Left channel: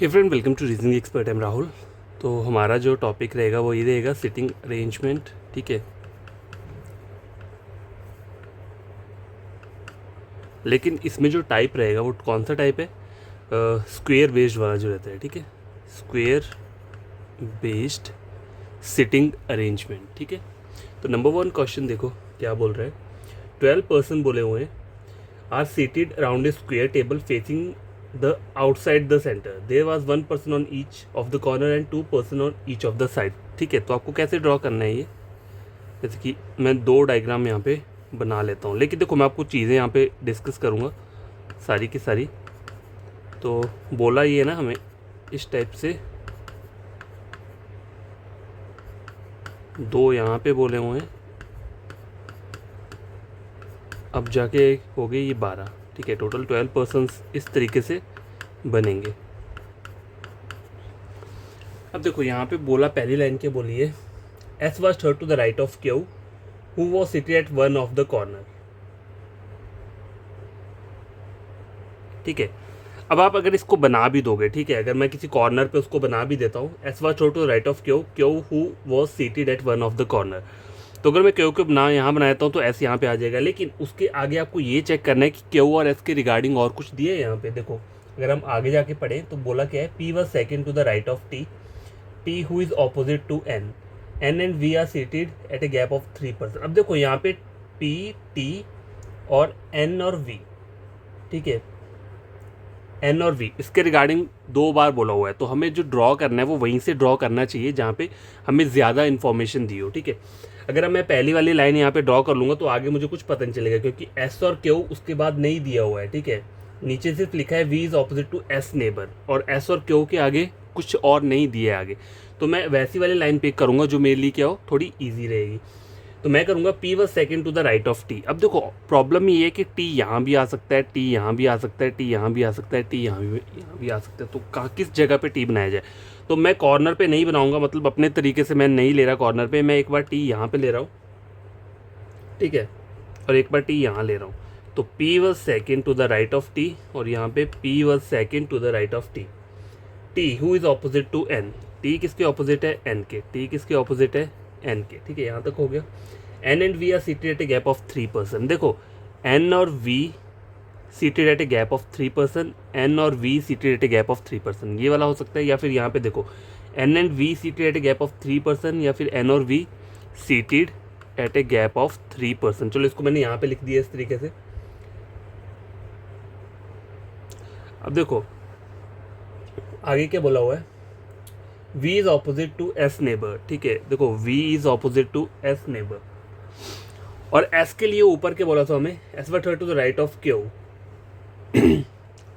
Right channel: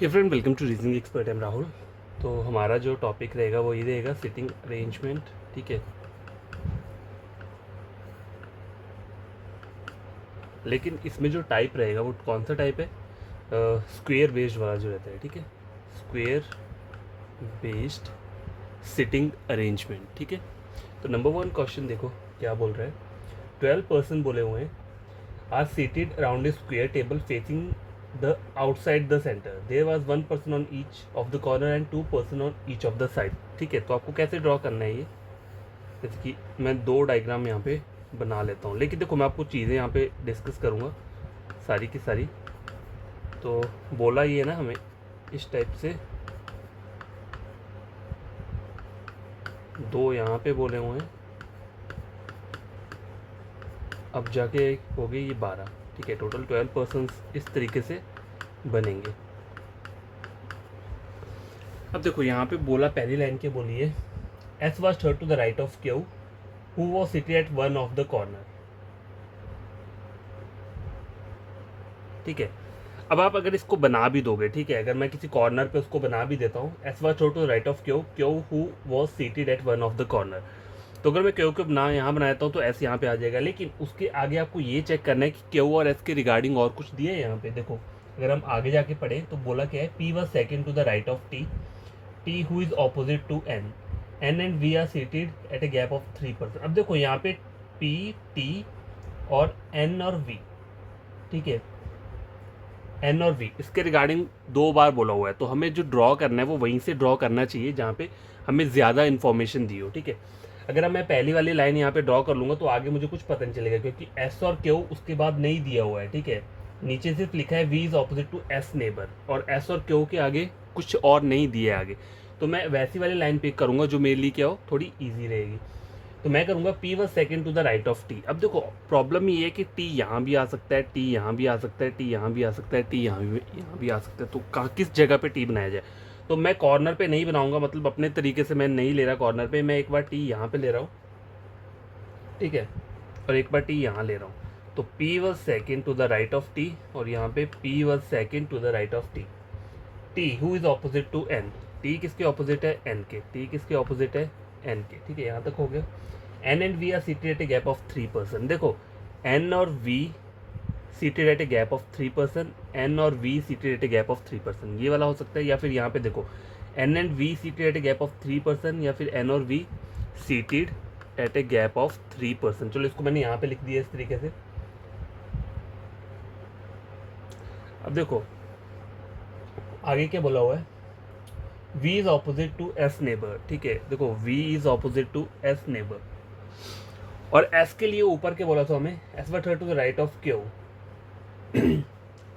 Hey friend, welcome to reasoning expert. I'm Rahul. तो हमारा जो टॉपिक रहेगा वो ये रहेगा सिटिंग अरेंजमेंट। ठीक है, लेकिन इसमें जो टाइप रहेगा वो कौन सा टाइप है? स्क्वेयर बेस्ड वाला जो रहता है। ठीक है, स्क्वेयर बेस्ड सिटिंग अरेंजमेंट। ठीक है, तो नंबर वन क्वेश्चन देखो क्या बोल रहे हैं। 12 पर्सन बोले हुए हैं are seated around a square table facing the outside the centre. There was one person on each of the corner and two person on each of the side. ठीक है, तो आपको कैसे ड्रॉ करना है ये? जैसे कि मैं दो डायग्राम यहाँ पे बना लेता हूँ, लेकिन देखो मैं आपको चीज़ें यहाँ पे डिस्कस करूँगा सारी की सारी। तो बोला ये ना हमें इस टाइप से दो यहाँ पे बोले हुए हैं, अब जाके हो गई ये 12। ठीक है, टोटल 12 पर्सन्स इस तरीके से बनेंगे। अब देखो यहाँ पे बोला पहली लाइन के बोलिए S was third to the right of Q who was seated at one of the corner. ठीक है, अब आप अगर इसको बना भी दोगे, ठीक है, अगर मैं किसी कॉर्नर पे उसको बना भी देता हूँ S was third to the right of Q Q who was seated at one of the corner, तो अगर मैं क्यू को बना यहाँ बनाता हूँ तो एस यहाँ पे आ जाएगा। लेकिन उसके आगे आपको ये चेक करना है कि क्यू और एस के रिगार्डिंग और कुछ दिए है यहाँ पे। देखो अगर हम आगे जाके पढ़े तो बोला क्या है, P was second to the right of T, T who is opposite to N, N and V are seated at a gap of 3%। अब देखो यहाँ पे पी टी और एन और वी, ठीक है, एन और वी इसके रिगार्डिंग दो बार बोला हुआ है, तो हमें जो ड्रॉ करना है वो वहीं से ड्रॉ करना चाहिए जहाँ पे हमें ज़्यादा इन्फॉर्मेशन दी हो। ठीक है, अगर मैं पहली वाली लाइन यहाँ पे ड्रॉ कर लूँगा तो आगे मुझे कुछ पता नहीं चलेगा, क्योंकि एस और क्यू उसके बाद नहीं दिया हुआ है। ठीक है, नीचे सिर्फ लिखा है V is opposite to S neighbour, और एस और क्यू के आगे कुछ और नहीं दिया है आगे। तो मैं वैसी वाली लाइन पिक करूँगा जो मेरे लिए क्या हो, थोड़ी ईजी रहेगी। तो मैं करूँगा P was second to the right of T. अब देखो प्रॉब्लम ये है कि टी यहाँ भी आ सकता है, टी यहाँ भी आ सकता है, टी यहाँ भी आ सकता है, टी यहाँ भी आ सकता है, तो कहाँ किस जगह पे टी बनाया जाए? तो मैं कॉर्नर पे नहीं बनाऊंगा, मतलब अपने तरीके से मैं नहीं ले रहा कॉर्नर पे, मैं एक बार टी यहाँ पे ले रहा हूँ, ठीक है, और एक बार टी यहाँ ले रहा हूँ। तो P was second to the right of T, और यहाँ पे P was second to the right of T. T who is opposite to N, T किसके ऑपोजिट है? एन के। टी किसके ऑपोजिट है? एन के। ठीक है, यहाँ तक हो गया। N and V are seated at a gap of 3%। देखो एन और V seated at a gap of 3%, N और V seated at a gap of 3%, ये वाला हो सकता है। या फिर यहाँ पे देखो N and V seated at a gap of 3%, या फिर एन और V seated at a gap of 3%। चलो इसको मैंने यहाँ पे लिख दिया इस तरीके से। अब देखो आगे क्या बोला हुआ है, v is opposite to s neighbour. ठीक है, देखो v is opposite to s neighbour, और s के लिए ऊपर के बोला था हमें s was third to the right of q।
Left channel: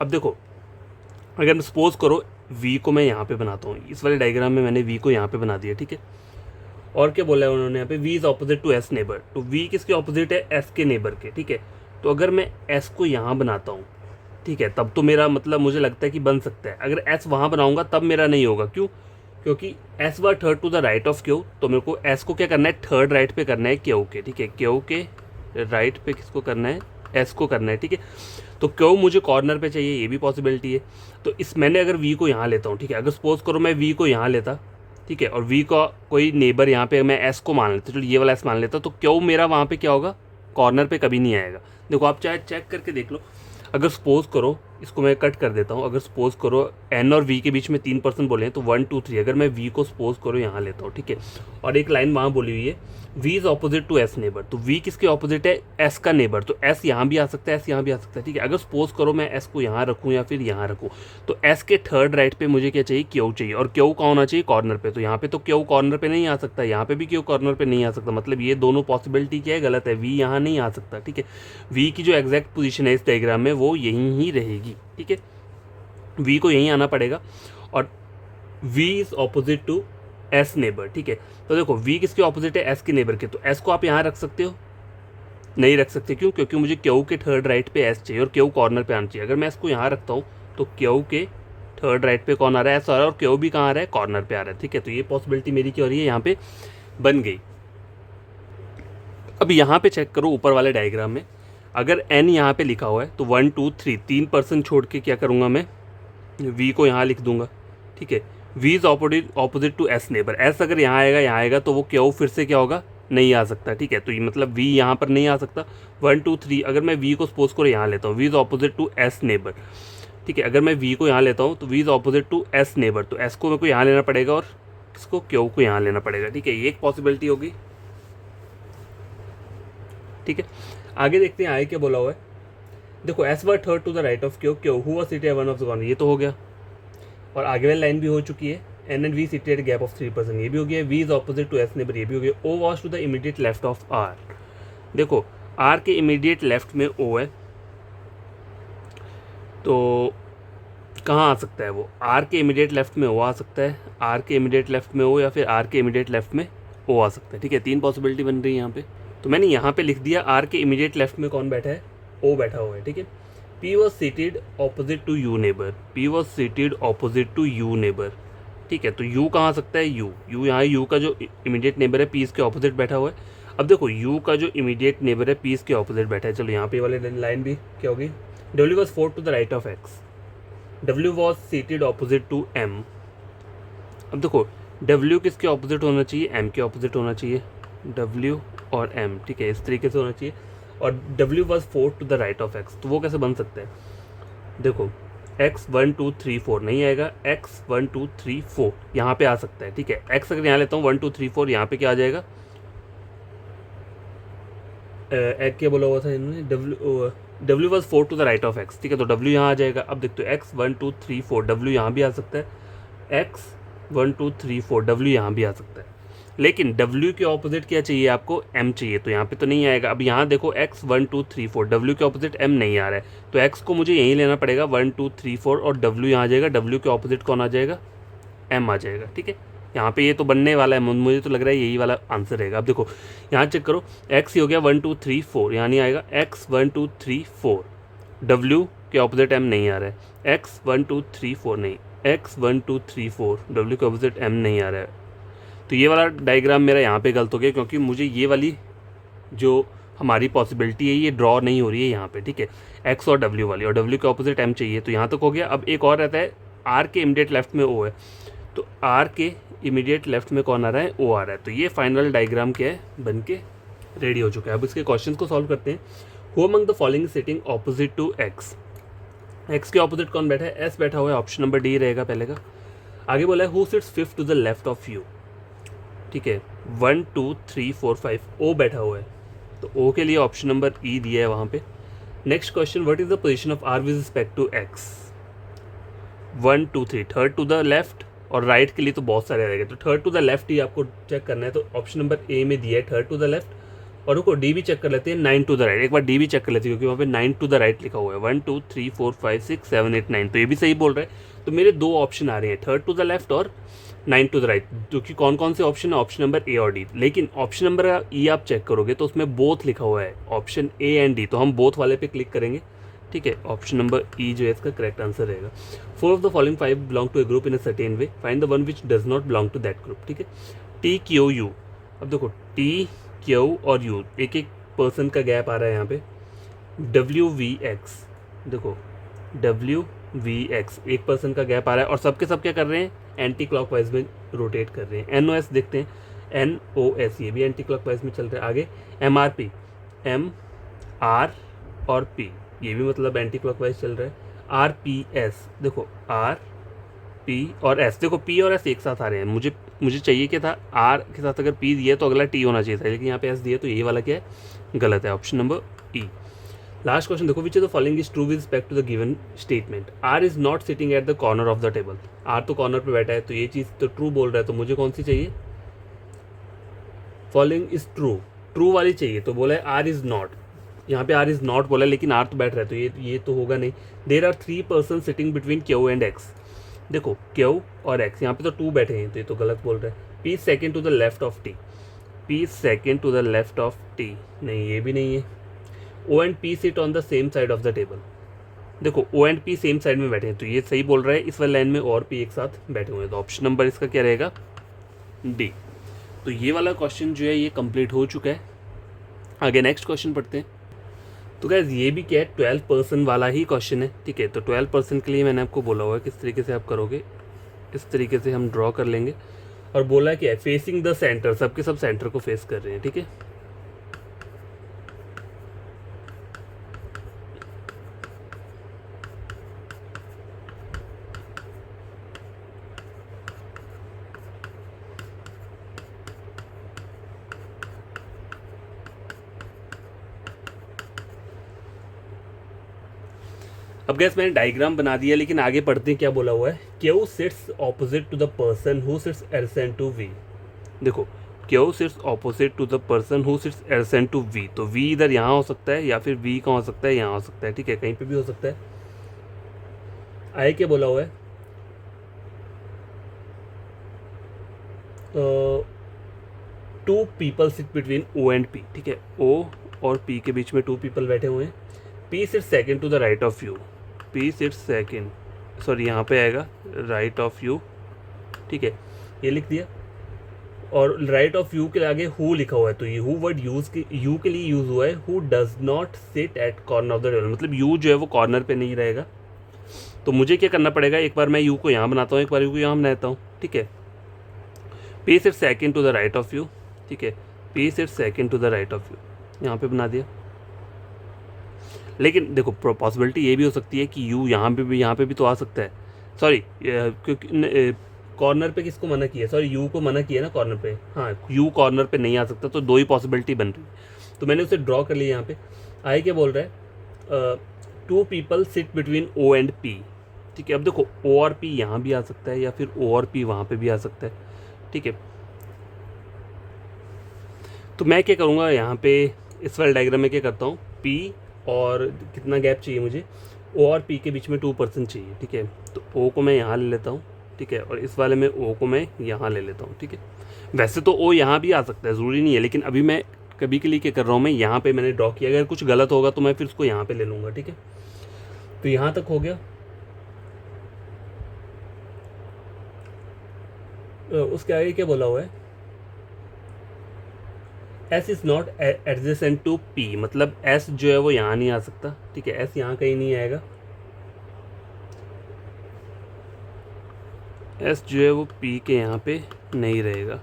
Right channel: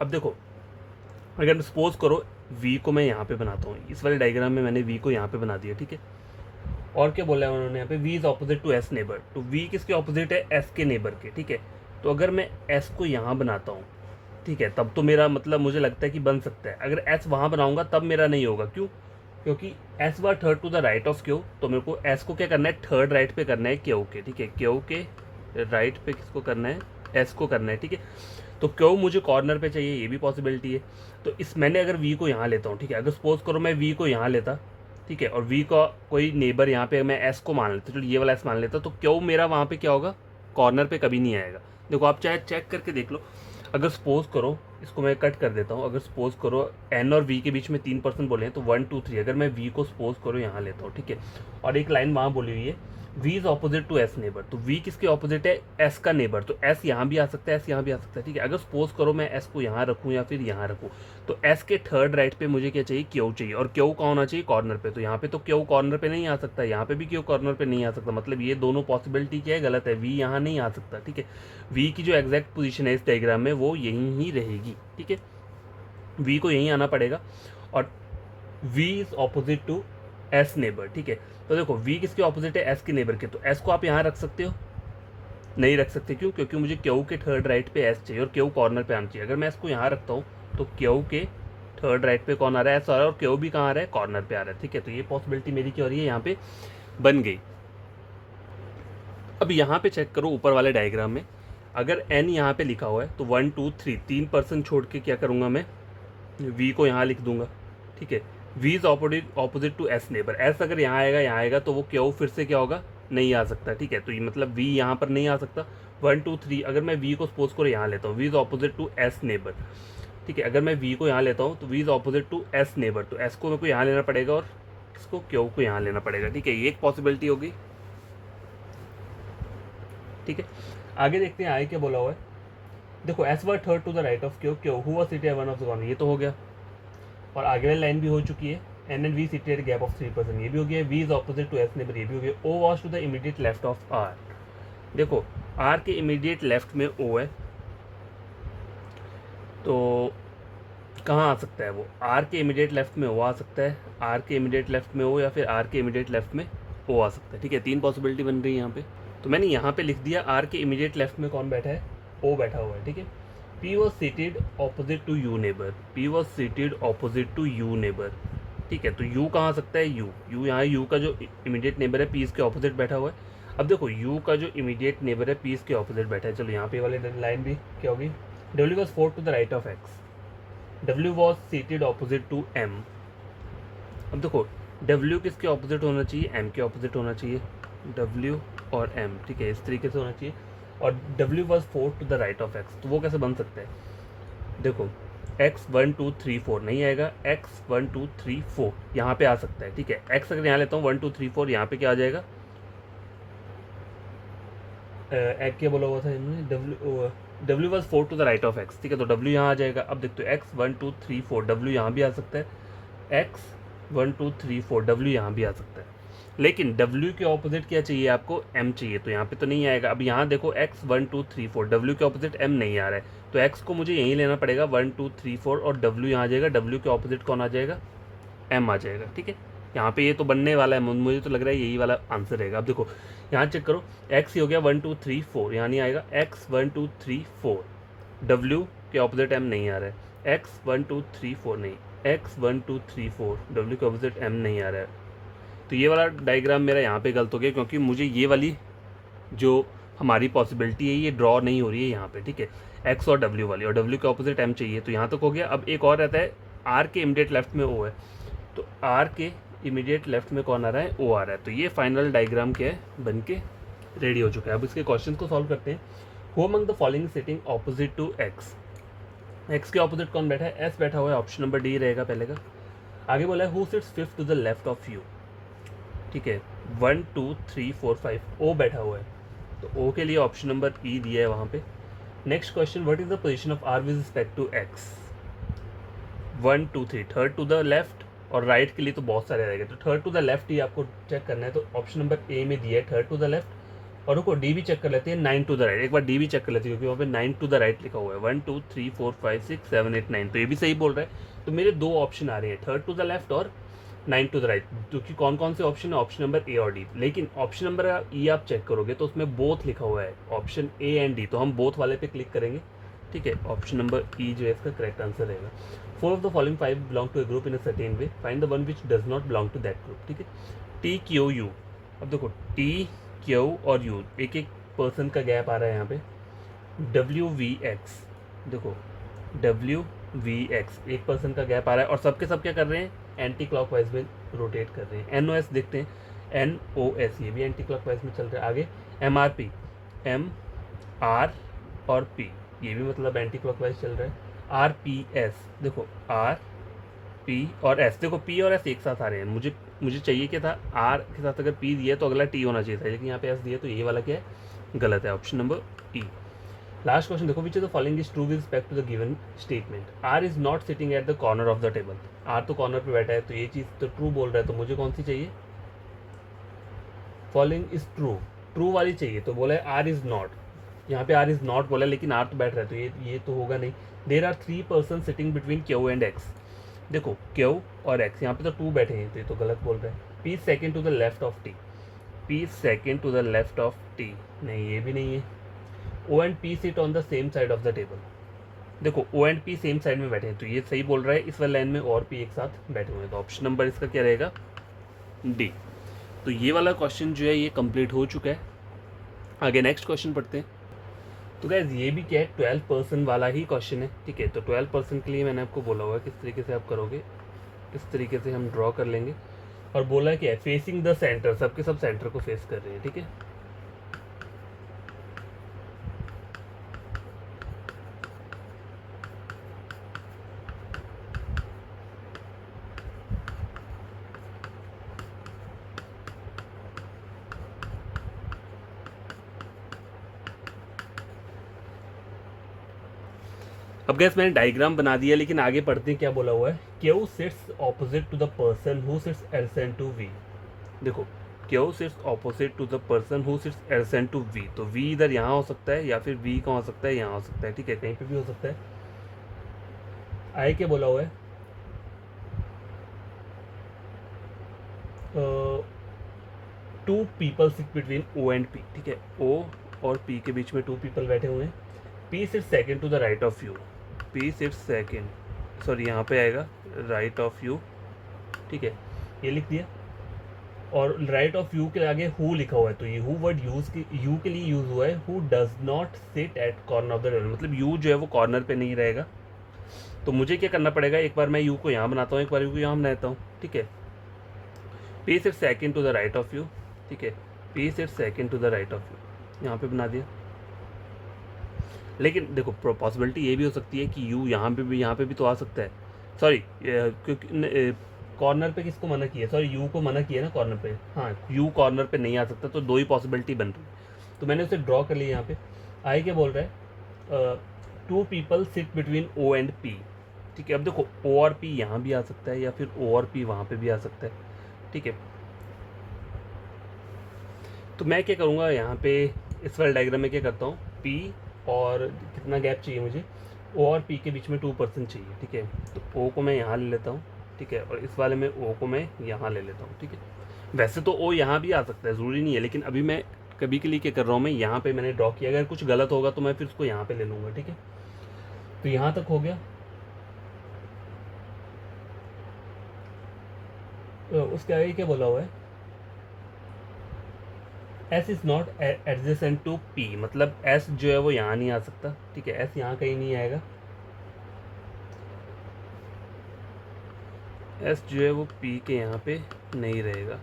अब देखो अगर सपोज करो v को मैं यहाँ पे बनाता हूँ, इस वाले डायग्राम में मैंने v को यहाँ पे बना दिया। ठीक है, और क्या बोला है उन्होंने यहाँ पे, v is opposite to s neighbour, तो v किसके ऑपोजिट है? s के नेबर के। ठीक है, तो अगर मैं s को यहाँ बनाता हूँ, ठीक है, तब तो मेरा मतलब मुझे लगता है कि बन सकता है। अगर s वहाँ बनाऊंगा तब मेरा नहीं होगा। क्यों? क्योंकि s was third to the right of क्यू, तो मेरे को s को क्या करना है? थर्ड राइट पे करना है क्यू के। ठीक है, क्यू के राइट पे किसको करना है? s को करना है। ठीक है, तो क्यू मुझे कॉर्नर पे चाहिए, ये भी पॉसिबिलिटी है। तो इस मैंने अगर v को यहाँ लेता हूँ, ठीक है, अगर सपोज करो मैं v को यहाँ लेता, ठीक है, और v का कोई नेबर यहाँ पे मैं s को मान लेता, चलो ये वाला s मान लेता, तो क्यू मेरा वहाँ पे क्या होगा? कॉर्नर पे कभी नहीं आएगा। देखो आप चाहे चेक करके देख लो। अगर सपोज करो, इसको मैं कट कर देता हूँ, अगर सपोज करो एन और वी के बीच में 3% बोले हैं, तो 1 2 3, अगर मैं वी को सपोज करो यहाँ लेता हूँ, ठीक है, और एक लाइन वहाँ बोली हुई है V is opposite to S neighbour, तो वी किसके ऑपोजिट है? एस का नेबर, तो एस यहाँ भी आ सकता है, एस यहाँ भी आ सकता है। ठीक है, अगर सपोज करो मैं एस को यहाँ रखूँ या फिर यहाँ रखूँ, तो एस के थर्ड राइट पे मुझे क्या चाहिए? क्यू चाहिए, और क्यू कहाँ होना चाहिए? कॉर्नर पे। तो यहाँ पे तो क्यू कॉर्नर पे नहीं आ सकता, यहाँ पे भी क्यू कॉर्नर पे नहीं आ सकता, मतलब ये दोनों पॉसिबिलिटी क्या है? गलत है, वी यहाँ नहीं आ सकता। ठीक है, वी की जो एग्जैक्ट पोजीशन है इस डायग्राम में वो यहीं ही रहेगी। ठीक है, वी को यहीं आना पड़ेगा, और v is opposite to s neighbour. ठीक है, तो देखो v किसके ऑपोजिट है? s के नेबर के, तो s को आप यहाँ रख सकते हो? नहीं रख सकते। क्यों? क्योंकि मुझे q के थर्ड राइट पे s चाहिए और q कॉर्नर पे आना चाहिए। अगर मैं इसको यहाँ रखता हूँ तो q के थर्ड राइट पे कौन आ रहा है? s आ रहा है, और q भी कहाँ आ रहा है? कॉर्नर पे आ रहा है। ठीक है, तो ये पॉसिबिलिटी मेरी क्या हो रही है? यहाँ पे बन गई। अब यहाँ पे चेक करो ऊपर वाले डायग्राम में, अगर n यहाँ पे लिखा हुआ है तो 1 2 3 3% छोड़ के क्या करूँगा मैं? वी को यहाँ लिख दूंगा, ठीक है। V is opposite to S neighbour, S अगर यहाँ आएगा तो वो क्यू फिर से क्या होगा, नहीं आ सकता, ठीक है। तो ये मतलब वी यहाँ पर नहीं आ सकता। 1 2 3 अगर मैं वी को सपोज करो यहाँ लेता हूँ, V is opposite to S neighbour, ठीक है। अगर मैं वी को यहाँ लेता हूँ तो V is opposite to S neighbour, तो एस को मेरे को यहाँ लेना पड़ेगा और इसको क्यू को यहाँ लेना पड़ेगा, ठीक है। ये एक पॉसिबिलिटी होगी, ठीक है। आगे देखते हैं आगे क्या बोला हुआ है। देखो S was third to the right of Q, Q who was seated one of the corner, ये तो हो गया। और आगे वाली लाइन भी हो चुकी है, N and V seated gap of 3%, ये भी हो गया। V is opposite to S neighbour, ये भी हो गया। O was to the immediate left of R, देखो आर के इमीडिएट लेफ्ट में ओ है, तो कहाँ आ सकता है वो, आर के इमीडिएट लेफ्ट में ओ आ सकता है, आर के इमीडिएट लेफ्ट में ओ, या फिर आर के इमीडिएट लेफ्ट में ओ आ सकता है, ठीक है। 3 पॉसिबिलिटी बन रही है यहाँ पे। तो मैंने यहाँ पे लिख दिया आर के इमीडिएट लेफ्ट में कौन बैठा है, ओ बैठा हुआ है, ठीक है। P was seated opposite to U neighbor, P was seated opposite to U neighbor, ठीक है। तो U कहाँ आ सकता है, U यहाँ U का जो इमीडिएट नेबर है P इसके ऑपोजिट बैठा हुआ है। अब देखो U का जो इमीडिएट नेबर है P इसके ऑपोजिट बैठा है। चलो यहाँ पे वाले लाइन भी क्या होगी, W was 4 to the right of X, W was seated opposite to M। अब देखो W किसके ऑपोजिट होना चाहिए, M के ऑपोजिट होना चाहिए, W और M, ठीक है, इस तरीके से होना चाहिए। और W was 4 to the right of X, तो वो कैसे बन सकता है, देखो X 1 2 3 4 नहीं आएगा, X 1 2 3 4 यहाँ पे आ सकता है, ठीक है। X अगर यहाँ लेता हूँ 1 2 3 4, यहाँ पे क्या आ जाएगा, एक क्या बोला हुआ था इन्होंने, W was 4 to the right of X, ठीक है। तो W यहाँ आ जाएगा। अब देखते हो X 1 2 3 4, W यहाँ भी आ सकता है, X 1 2 3 4, W यहाँ भी आ सकता है। लेकिन W के ऑपोजिट क्या चाहिए आपको, M चाहिए, तो यहाँ पे तो नहीं आएगा। अब यहाँ देखो X 1 2 3 4, W के ऑपोजिट M नहीं आ रहा है, तो X को मुझे यहीं लेना पड़ेगा 1 2 3 4, और W यहाँ आ जाएगा, W के ऑपोजिट कौन आ जाएगा, M आ जाएगा, ठीक है। यहाँ पे ये तो बनने वाला है, मुझे तो लग रहा है यही वाला आंसर रहेगा। अब देखो यहाँ चेक करो, X ही हो गया 1 2 3 4, यहाँ नहीं आएगा, X 1 2 3 4, W के ऑपोजिट M नहीं आ रहा है, X 1 2 3 4 नहीं, X 1 2 3 4, W के ऑपोजिट M नहीं आ रहा है। तो ये वाला डायग्राम मेरा यहाँ पे गलत हो गया, क्योंकि मुझे ये वाली जो हमारी पॉसिबिलिटी है ये ड्रॉ नहीं हो रही है यहाँ पे, ठीक है। X और W वाली, और W के ऑपोजिट M चाहिए, तो यहाँ तक हो गया। अब एक और रहता है, R के इमीडिएट लेफ्ट में O है, तो R के इमीडिएट लेफ्ट में कौन आ रहा है, O आ रहा है। तो ये फाइनल डायग्राम क्या है, बन के रेडी हो चुका है। अब इसके क्वेश्चन को सॉल्व करते हैं। Who among the following sitting opposite to X, X के ऑपोजिट कौन बैठा है, S बैठा हुआ है, ऑप्शन नंबर D रहेगा पहले का। आगे बोला है who sits fifth to the left of U, ठीक है। 1 2 3 4 5, O बैठा हुआ है, तो O के लिए ऑप्शन नंबर E दिया है वहाँ पे। Next question, what is the position of R with respect to X, 1 2 3, third to the left, और राइट के लिए तो बहुत सारे रहेंगे, तो थर्ड टू द लेफ्ट ही आपको चेक करना है। तो ऑप्शन नंबर ए में दिया है थर्ड टू द लेफ्ट, और रुको डी भी चेक कर लेते हैं, 9 टू द राइट। एक बार डी भी चेक कर लेते हैं, क्योंकि वहाँ पे 9 टू द राइट लिखा हुआ है, 1 2 3 4 5 6 7 8 9, तो ये भी सही बोल रहा है। तो मेरे 2 ऑप्शन आ रहे हैं, थर्ड टू द लेफ्ट और 9 टू द राइट, क्योंकि कौन कौन से ऑप्शन है, ऑप्शन नंबर ए और डी। लेकिन ऑप्शन नंबर ई आप चेक करोगे तो उसमें बोथ लिखा हुआ है, ऑप्शन ए एंड डी, तो हम बोथ वाले पे क्लिक करेंगे, ठीक है। ऑप्शन नंबर ई जो है इसका करेक्ट आंसर रहेगा। 4 of the following 5 belong to a group in a certain way, find the one which does not belong to that group, ठीक है। टी क्यू यू, अब देखो टी क्यू और यू, एक एक पर्सन का गैप आ रहा है यहाँ पे। डब्ल्यू वी एक्स, देखो डब्ल्यू वी एक्स, एक पर्सन का गैप आ रहा है, और सबके सब क्या कर रहे हैं, एंटी क्लॉकवाइज में रोटेट कर रहे हैं। एन ओ एस देखते हैं, एन ओ एस, ये भी एंटी क्लॉकवाइज में चल रहा है। आगे M R P, M R और पी, ये भी मतलब एंटी क्लॉकवाइज चल रहा है। आर पी एस, देखो आर पी और एस, देखो पी और एस एक साथ आ रहे हैं। मुझे चाहिए क्या था, आर के साथ अगर पी दिए तो अगला टी होना चाहिए था, लेकिन यहाँ पे एस दिया, तो ये वाला क्या है, गलत है, option number E. Last question देखो, which is the following is true with respect to the given statement, R is not sitting at the corner of the table, R तो कॉर्नर पे बैठा है, तो ये चीज़ तो ट्रू बोल रहा है, तो मुझे कौन सी चाहिए, फॉलोइंग इज ट्रू, ट्रू वाली चाहिए। तो बोला है आर इज नॉट, यहाँ पे आर इज नॉट बोला है, लेकिन आर तो बैठ रहा है, तो ये तो होगा नहीं। There are 3 person sitting between Q and X, देखो क्यू और एक्स, यहाँ पे तो 2 बैठे हैं, तो ये तो गलत बोल रहा है। P second to the left of T, P second to the left of T, नहीं ये भी नहीं है। O and P sit on the same side of the table, देखो O and P same side में बैठे हैं, तो ये सही बोल रहा है। इस वाले लाइन में और पी एक साथ बैठे हुए हैं, तो ऑप्शन नंबर इसका क्या रहेगा, डी। तो ये वाला क्वेश्चन जो है ये कंप्लीट हो चुका है। आगे नेक्स्ट क्वेश्चन पढ़ते हैं। तो गैस ये भी क्या है, 12% वाला ही क्वेश्चन है, ठीक है। तो 12% के लिए मैंने आपको बोला हुआ है किस तरीके से आप करोगे, इस तरीके से हम ड्रॉ कर लेंगे। और बोला क्या है, फेसिंग द सेंटर, सबके सब सेंटर को फेस कर रहे हैं, ठीक है। अब गैस मैंने डायग्राम बना दिया, लेकिन आगे पढ़ते हैं क्या बोला हुआ है। Q sits opposite to the person who sits adjacent to V. देखो, Q sits opposite to the person who sits adjacent to V. तो वी इधर यहाँ हो सकता है, या फिर वी कहाँ हो सकता है, यहाँ हो सकता है, ठीक है, कहीं पे भी हो सकता है। आगे क्या बोला हुआ है, two people sit between O and P, ठीक है। ओ और पी के बीच में टू पीपल बैठे हुए हैं। P sit second to the right of U, P sit second, sorry यहाँ पे आएगा राइट ऑफ यू, ठीक है, ये लिख दिया। और राइट ऑफ यू के आगे हु लिखा हुआ है, तो ये हु वर्ड यूज यू के लिए यूज हुआ है। Who does not sit at corner of the table, मतलब यू जो है वो कॉर्नर पे नहीं रहेगा। तो मुझे क्या करना पड़ेगा, एक बार मैं यू को यहाँ बनाता हूँ, एक बार यू को यहाँ बनाता हूँ, ठीक है। P sit second to the right of U, ठीक है, P sit second to the right of U, यहाँ पे बना दिया। लेकिन देखो, पॉसिबिलिटी ये भी हो सकती है कि यू यहाँ पे भी तो आ सकता है। सॉरी, क्योंकि कॉर्नर पे किसको मना किया, सॉरी यू को मना किया ना कॉर्नर पे, हाँ यू कॉर्नर पे नहीं आ सकता, तो दो ही पॉसिबिलिटी बन रही है। तो मैंने उसे ड्रॉ कर लिया यहाँ पे। आगे क्या बोल रहा है, two people sit between O and P, ठीक है। अब देखो, ओ और पी यहाँ भी आ सकता है, या फिर ओ और पी वहाँ पे भी आ सकता है, ठीक है। तो मैं क्या करूँगा यहाँ पे, इस वाले डायग्राम में क्या करता हूँ, पी और कितना गैप चाहिए मुझे, ओ और पी के बीच में 2% चाहिए, ठीक है। तो ओ को मैं यहाँ ले लेता हूँ, ठीक है, और इस वाले में ओ को मैं यहाँ ले लेता हूँ, ठीक है। वैसे तो ओ यहाँ भी आ सकता है, ज़रूरी नहीं है, लेकिन अभी मैं कभी के लिए क्या कर रहा हूँ, मैं यहाँ पे मैंने ड्रॉ किया, अगर कुछ गलत होगा तो मैं फिर उसको यहाँ पे ले लूँगा, ठीक है। तो यहाँ तक हो गया। उसके आगे क्या बोला हुआ है, S is not adjacent to P, मतलब एस जो है वो यहाँ नहीं आ सकता, ठीक है, एस यहाँ कहीं नहीं आएगा। एस जो है वो पी के यहाँ पे नहीं रहेगा।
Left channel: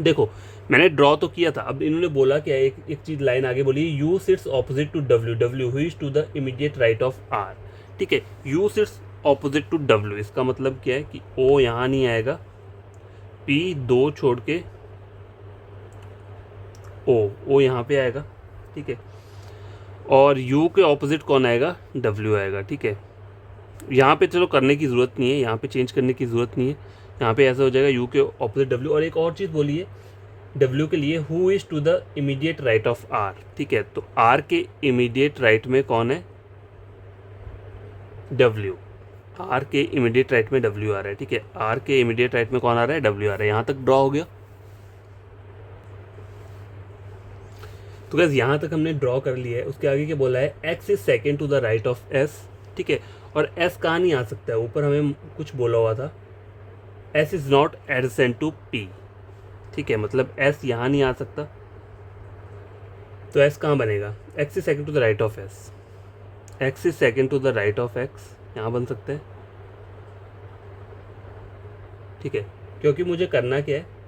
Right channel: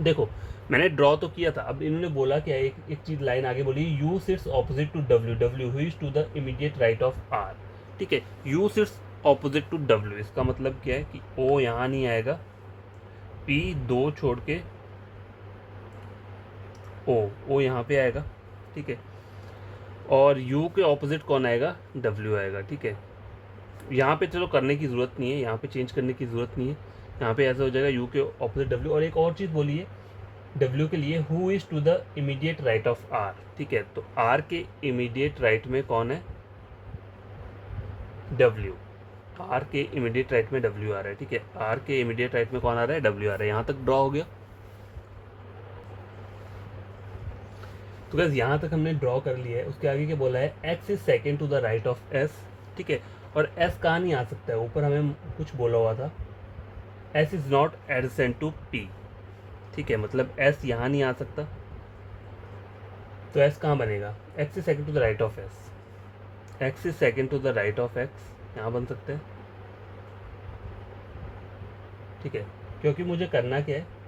देखो, मैंने ड्रॉ तो किया था, अब इन्होंने बोला क्या, एक चीज़ लाइन आगे बोली, U sits opposite to W, W who to the immediate right of R, ठीक है। U sits opposite to W, इसका मतलब क्या है कि ओ यहाँ नहीं आएगा, पी दो छोड़ के ओ यहाँ पे आएगा, ठीक है। और यू के ऑपोजिट कौन आएगा, डब्ल्यू आएगा, ठीक है। यहाँ पे चलो करने की ज़रूरत नहीं है, यहाँ पे चेंज करने की ज़रूरत नहीं है, यहाँ पे ऐसा हो जाएगा यू के ऑपोजिट डब्ल्यू। और एक और चीज़ बोलिए डब्ल्यू के लिए, who is to the immediate right of R, ठीक है। तो आर के इमीडिएट राइट में कौन है, डब्ल्यू। आर के इमीडिएट राइट में डब्ल्यू आ रहा है, ठीक है। आर के इमीडिएट राइट में कौन आ रहा है, डब्ल्यू आ रहा है। यहाँ तक ड्रॉ हो गया। तो गैस यहाँ तक हमने ड्रॉ कर लिया है। उसके आगे क्या बोला है, X is second to the right of S, ठीक है। और एस कहाँ नहीं आ सकता है, ऊपर हमें कुछ बोला हुआ था, S is not adjacent to P, ठीक है, मतलब एस यहाँ नहीं आ सकता। तो एस कहाँ बनेगा, X is second to the right of S, X is second to the right of X, यहाँ बन सकता है, ठीक है। क्योंकि मुझे करना क्या है,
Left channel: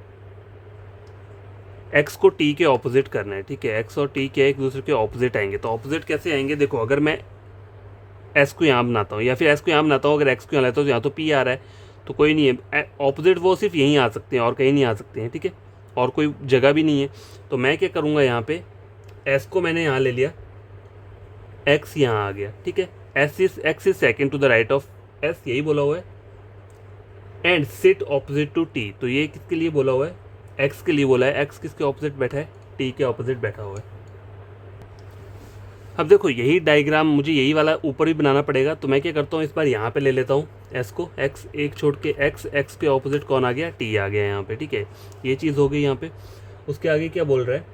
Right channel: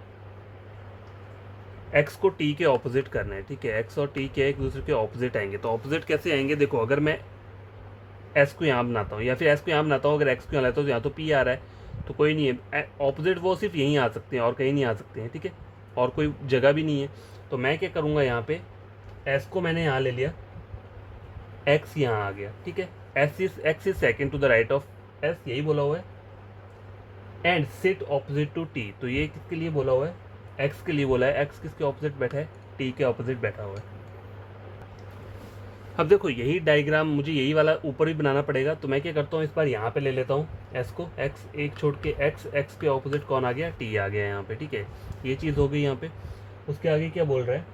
एक्स को टी के ऑपोजिट करना है, ठीक है। एक्स और टी क्या है, एक दूसरे के ऑपोजिट आएंगे। तो ऑपोजिट कैसे आएंगे, देखो, अगर मैं एस को यहाँ बनाता हूँ, या फिर एस को यहाँ बनाता हूँ, अगर एक्स को यहाँ लेता हूँ तो यहाँ तो पी आ रहा है, तो कोई नहीं है, ऑपोजिट वो सिर्फ यहीं आ सकते हैं और कहीं नहीं आ सकते हैं, ठीक है, और कोई जगह भी नहीं है। तो मैं क्या करूँगा, यहाँ पे एस को मैंने यहाँ ले लिया, एक्स यहाँ आ गया, ठीक है। X is second to the right of S, यही बोला हुआ है। And sit opposite to T, तो ये किसके लिए बोला हुआ है, एक्स के लिए बोला है। एक्स किसके ऑपोजिट बैठा है, टी के ऑपोजिट बैठा हुआ है। अब देखो, यही डायग्राम मुझे यही वाला ऊपर भी बनाना पड़ेगा। तो मैं क्या करता हूँ, इस बार यहाँ पे ले लेता हूँ एस को, एक्स एक छोड़ के एक्स, एक्स के ऑपोजिट कौन आ गया, टी आ गया यहाँ पे, ठीक है। ये चीज़ हो गई यहाँ पे। उसके आगे क्या बोल रहा है,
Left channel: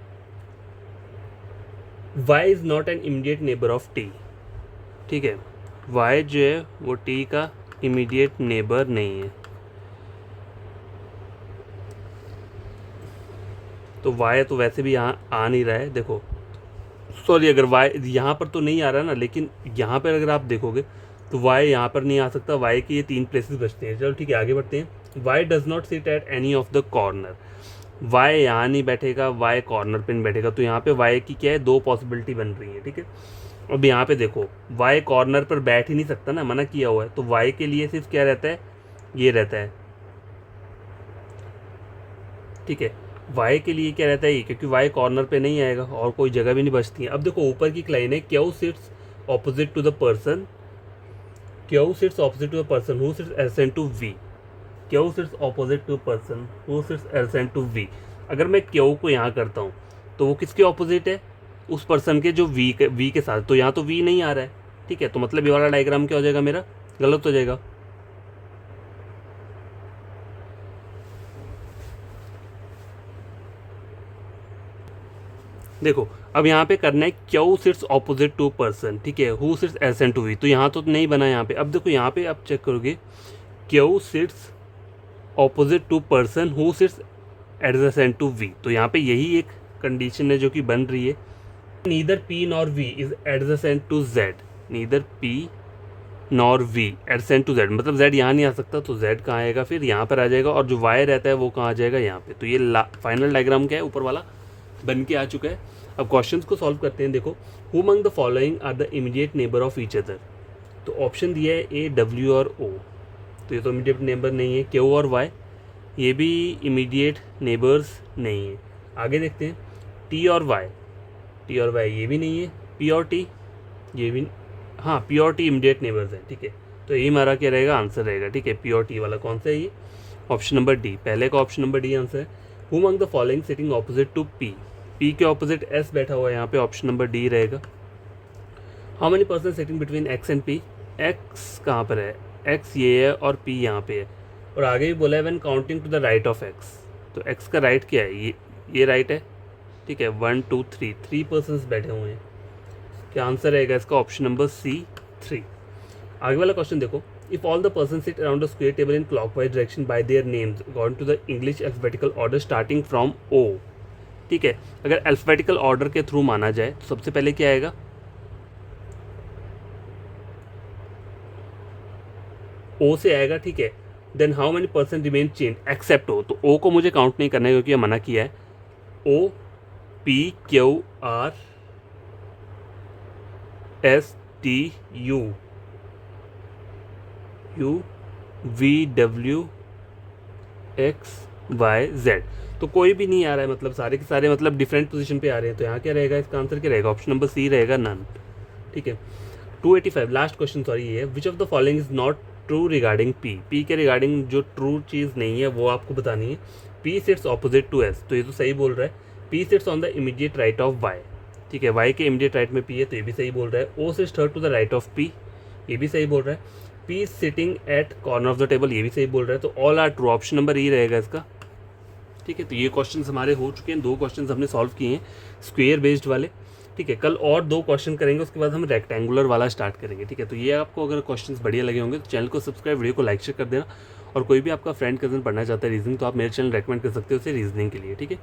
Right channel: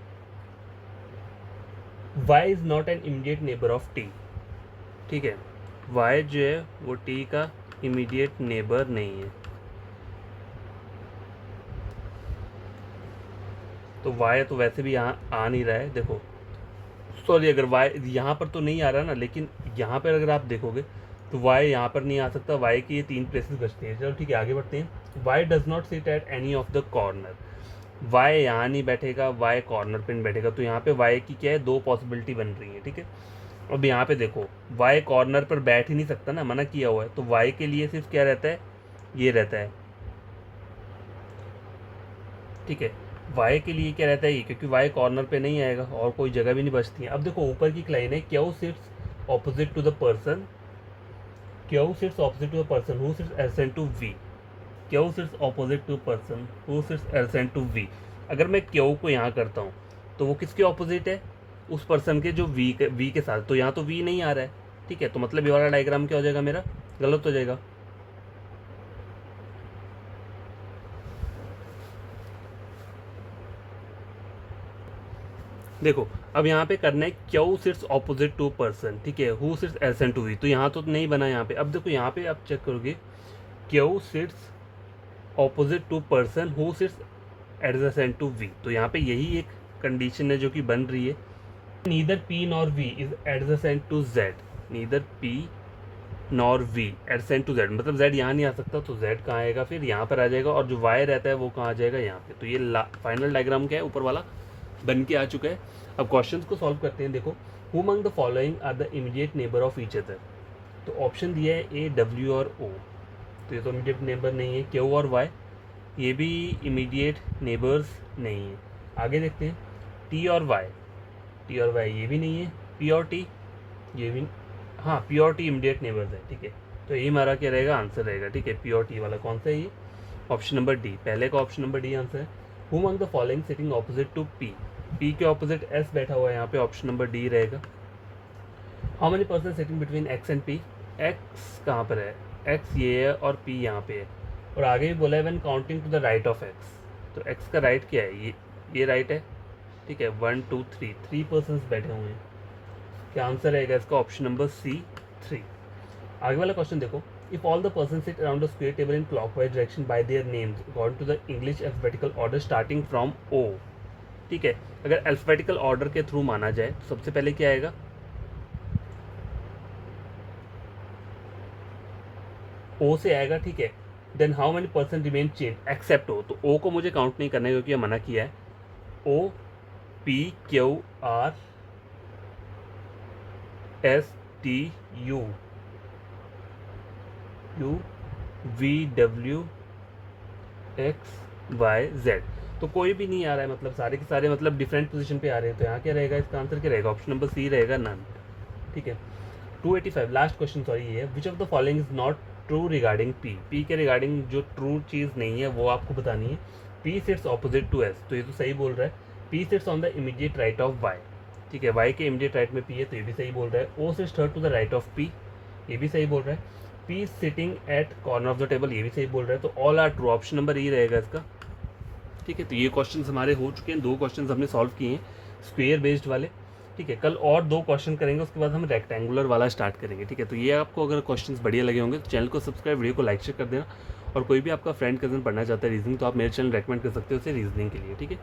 Y is not an immediate neighbour of T, ठीक है। वाई जो है वो टी का इमीडिएट नेबर नहीं है। तो वाई तो वैसे भी यहाँ आ नहीं रहा है, देखो सॉरी, अगर y यहाँ पर तो नहीं आ रहा ना, लेकिन यहाँ पर अगर आप देखोगे तो y यहाँ पर नहीं आ सकता, y के ये 3 प्लेसेस बचते हैं। चलो ठीक है, आगे बढ़ते हैं। y does not sit at any of the corner, y यहाँ नहीं बैठेगा, y कॉर्नर पे नहीं बैठेगा। तो यहाँ पे y की क्या है, 2 पॉसिबिलिटी बन रही है, ठीक है। अब यहाँ पे देखो y कॉर्नर पर बैठ ही नहीं सकता ना, मना किया हुआ है। तो y के लिए सिर्फ क्या रहता है, ये रहता है, ठीक है। y के लिए क्या रहता है ये, क्योंकि y कॉर्नर पे नहीं आएगा और कोई जगह भी नहीं बचती है। अब देखो ऊपर की लाइन है, Q sits opposite to the person, Q sits opposite to the person who sits adjacent to v, Q sits opposite to person who sits adjacent to v। अगर मैं क्यू को यहाँ करता हूँ तो वो किसके ऑपोजिट है, उस पर्सन के जो v के साथ। तो यहाँ तो v नहीं आ रहा है, ठीक है। तो मतलब ये वाला डायग्राम क्या हो जाएगा मेरा, गलत हो जाएगा। देखो अब यहाँ पे करना है Q sits opposite to person, ठीक है, who sits adjacent to V. तो यहाँ तो नहीं बना यहाँ पे। अब देखो यहाँ पे आप चेक करोगे, Q sits opposite to person who sits adjacent to V. तो यहाँ पे यही एक कंडीशन है जो कि बन रही है। Neither P nor V is adjacent to Z, neither P nor V adjacent to Z, मतलब जेड यहाँ नहीं आ सकता, तो जेड कहाँ आएगा, फिर यहाँ पर आ जाएगा। और जो वाई रहता है वो कहाँ आ जाएगा, यहाँ पे। तो ये फाइनल डायग्राम क्या है, ऊपर वाला बन के आ चुका है। अब क्वेश्चंस को सॉल्व करते हैं। देखो, who among the following are the immediate neighbour of each other. तो ऑप्शन दिया है ए, डब्ल्यू और ओ। तो ये तो इमीडिएट नेबर नहीं है। क्यू और वाई, ये भी इमीडिएट नेबर्स नहीं है। आगे देखते हैं, टी और वाई, टी और वाई ये भी नहीं है। पी और टी, ये भी, हाँ पी और टी इमीडिएट नेबर्स हैं, ठीक है। तो ये हमारा क्या रहेगा, आंसर रहेगा, ठीक है। पी और टी वाला कौन सा है, ये ऑप्शन नंबर डी, पहले का ऑप्शन नंबर डी आंसर है। Who among the following sitting opposite to P, P के ऑपोजिट एस बैठा हुआ है, यहाँ पे ऑप्शन नंबर डी रहेगा। How many person sitting between X and P, X कहाँ पर है, एक्स ये है और पी यहाँ पे है। और आगे भी बोला है when counting to the right of X. तो एक्स का राइट क्या है, ये राइट है, ठीक है। 1 2 3, 3 पर्सन बैठे हुए हैं। क्या आंसर रहेगा इसका, ऑप्शन नंबर सी 3। आगे वाला क्वेश्चन देखो, if all the person sit around the square table in clockwise direction by their names according to the English alphabetical order starting from O, ठीक है। अगर अल्फाबेटिकल ऑर्डर के through माना जाए तो सबसे पहले क्या आएगा, ओ से आएगा, ठीक है। Then how many person remain change except O, तो ओ को मुझे काउंट नहीं करना है क्योंकि ये मना किया है। O P Q R S T U U V W X Y Z, तो कोई भी नहीं आ रहा है, मतलब सारे के सारे मतलब डिफरेंट पोजीशन पे आ रहे हैं। तो यहाँ क्या रहेगा, इसका आंसर क्या रहेगा, ऑप्शन नंबर सी रहेगा, नन, ठीक है। 285 लास्ट क्वेश्चन, सॉरी ये है, which of the following is not true regarding P, P के रिगार्डिंग जो ट्रू चीज़ नहीं है वो आपको बतानी है। P sits opposite to S, तो ये तो सही बोल रहा है। P sits on the immediate right of Y, ठीक है, वाई के इमीडिएट राइट में पी है, तो ये भी सही बोल रहा है। O sits third to the right of P, ये भी सही बोल रहा है। P sitting at corner of the table, ये भी सही बोल रहा है। तो all are true, option number E रहेगा इसका, ठीक है। तो ये क्वेश्चंस हमारे हो चुके हैं, 2 क्वेश्चंस हमने सॉल्व किए हैं स्क्वेयर बेस्ड वाले, ठीक है। कल और 2 क्वेश्चन करेंगे, उसके बाद हम रेक्टेंगुलर वाला स्टार्ट करेंगे, ठीक है। तो ये आपको अगर क्वेश्चंस बढ़िया लगे होंगे तो चैनल को सब्सक्राइब, वीडियो को लाइक शेयर कर देना। और कोई भी आपका फ्रेंड कजन पढ़ना चाहता है रीजनिंग, तो आप मेरे चैनल रेकमेंड कर सकते हो उसे रीजनिंग के लिए, ठीक है।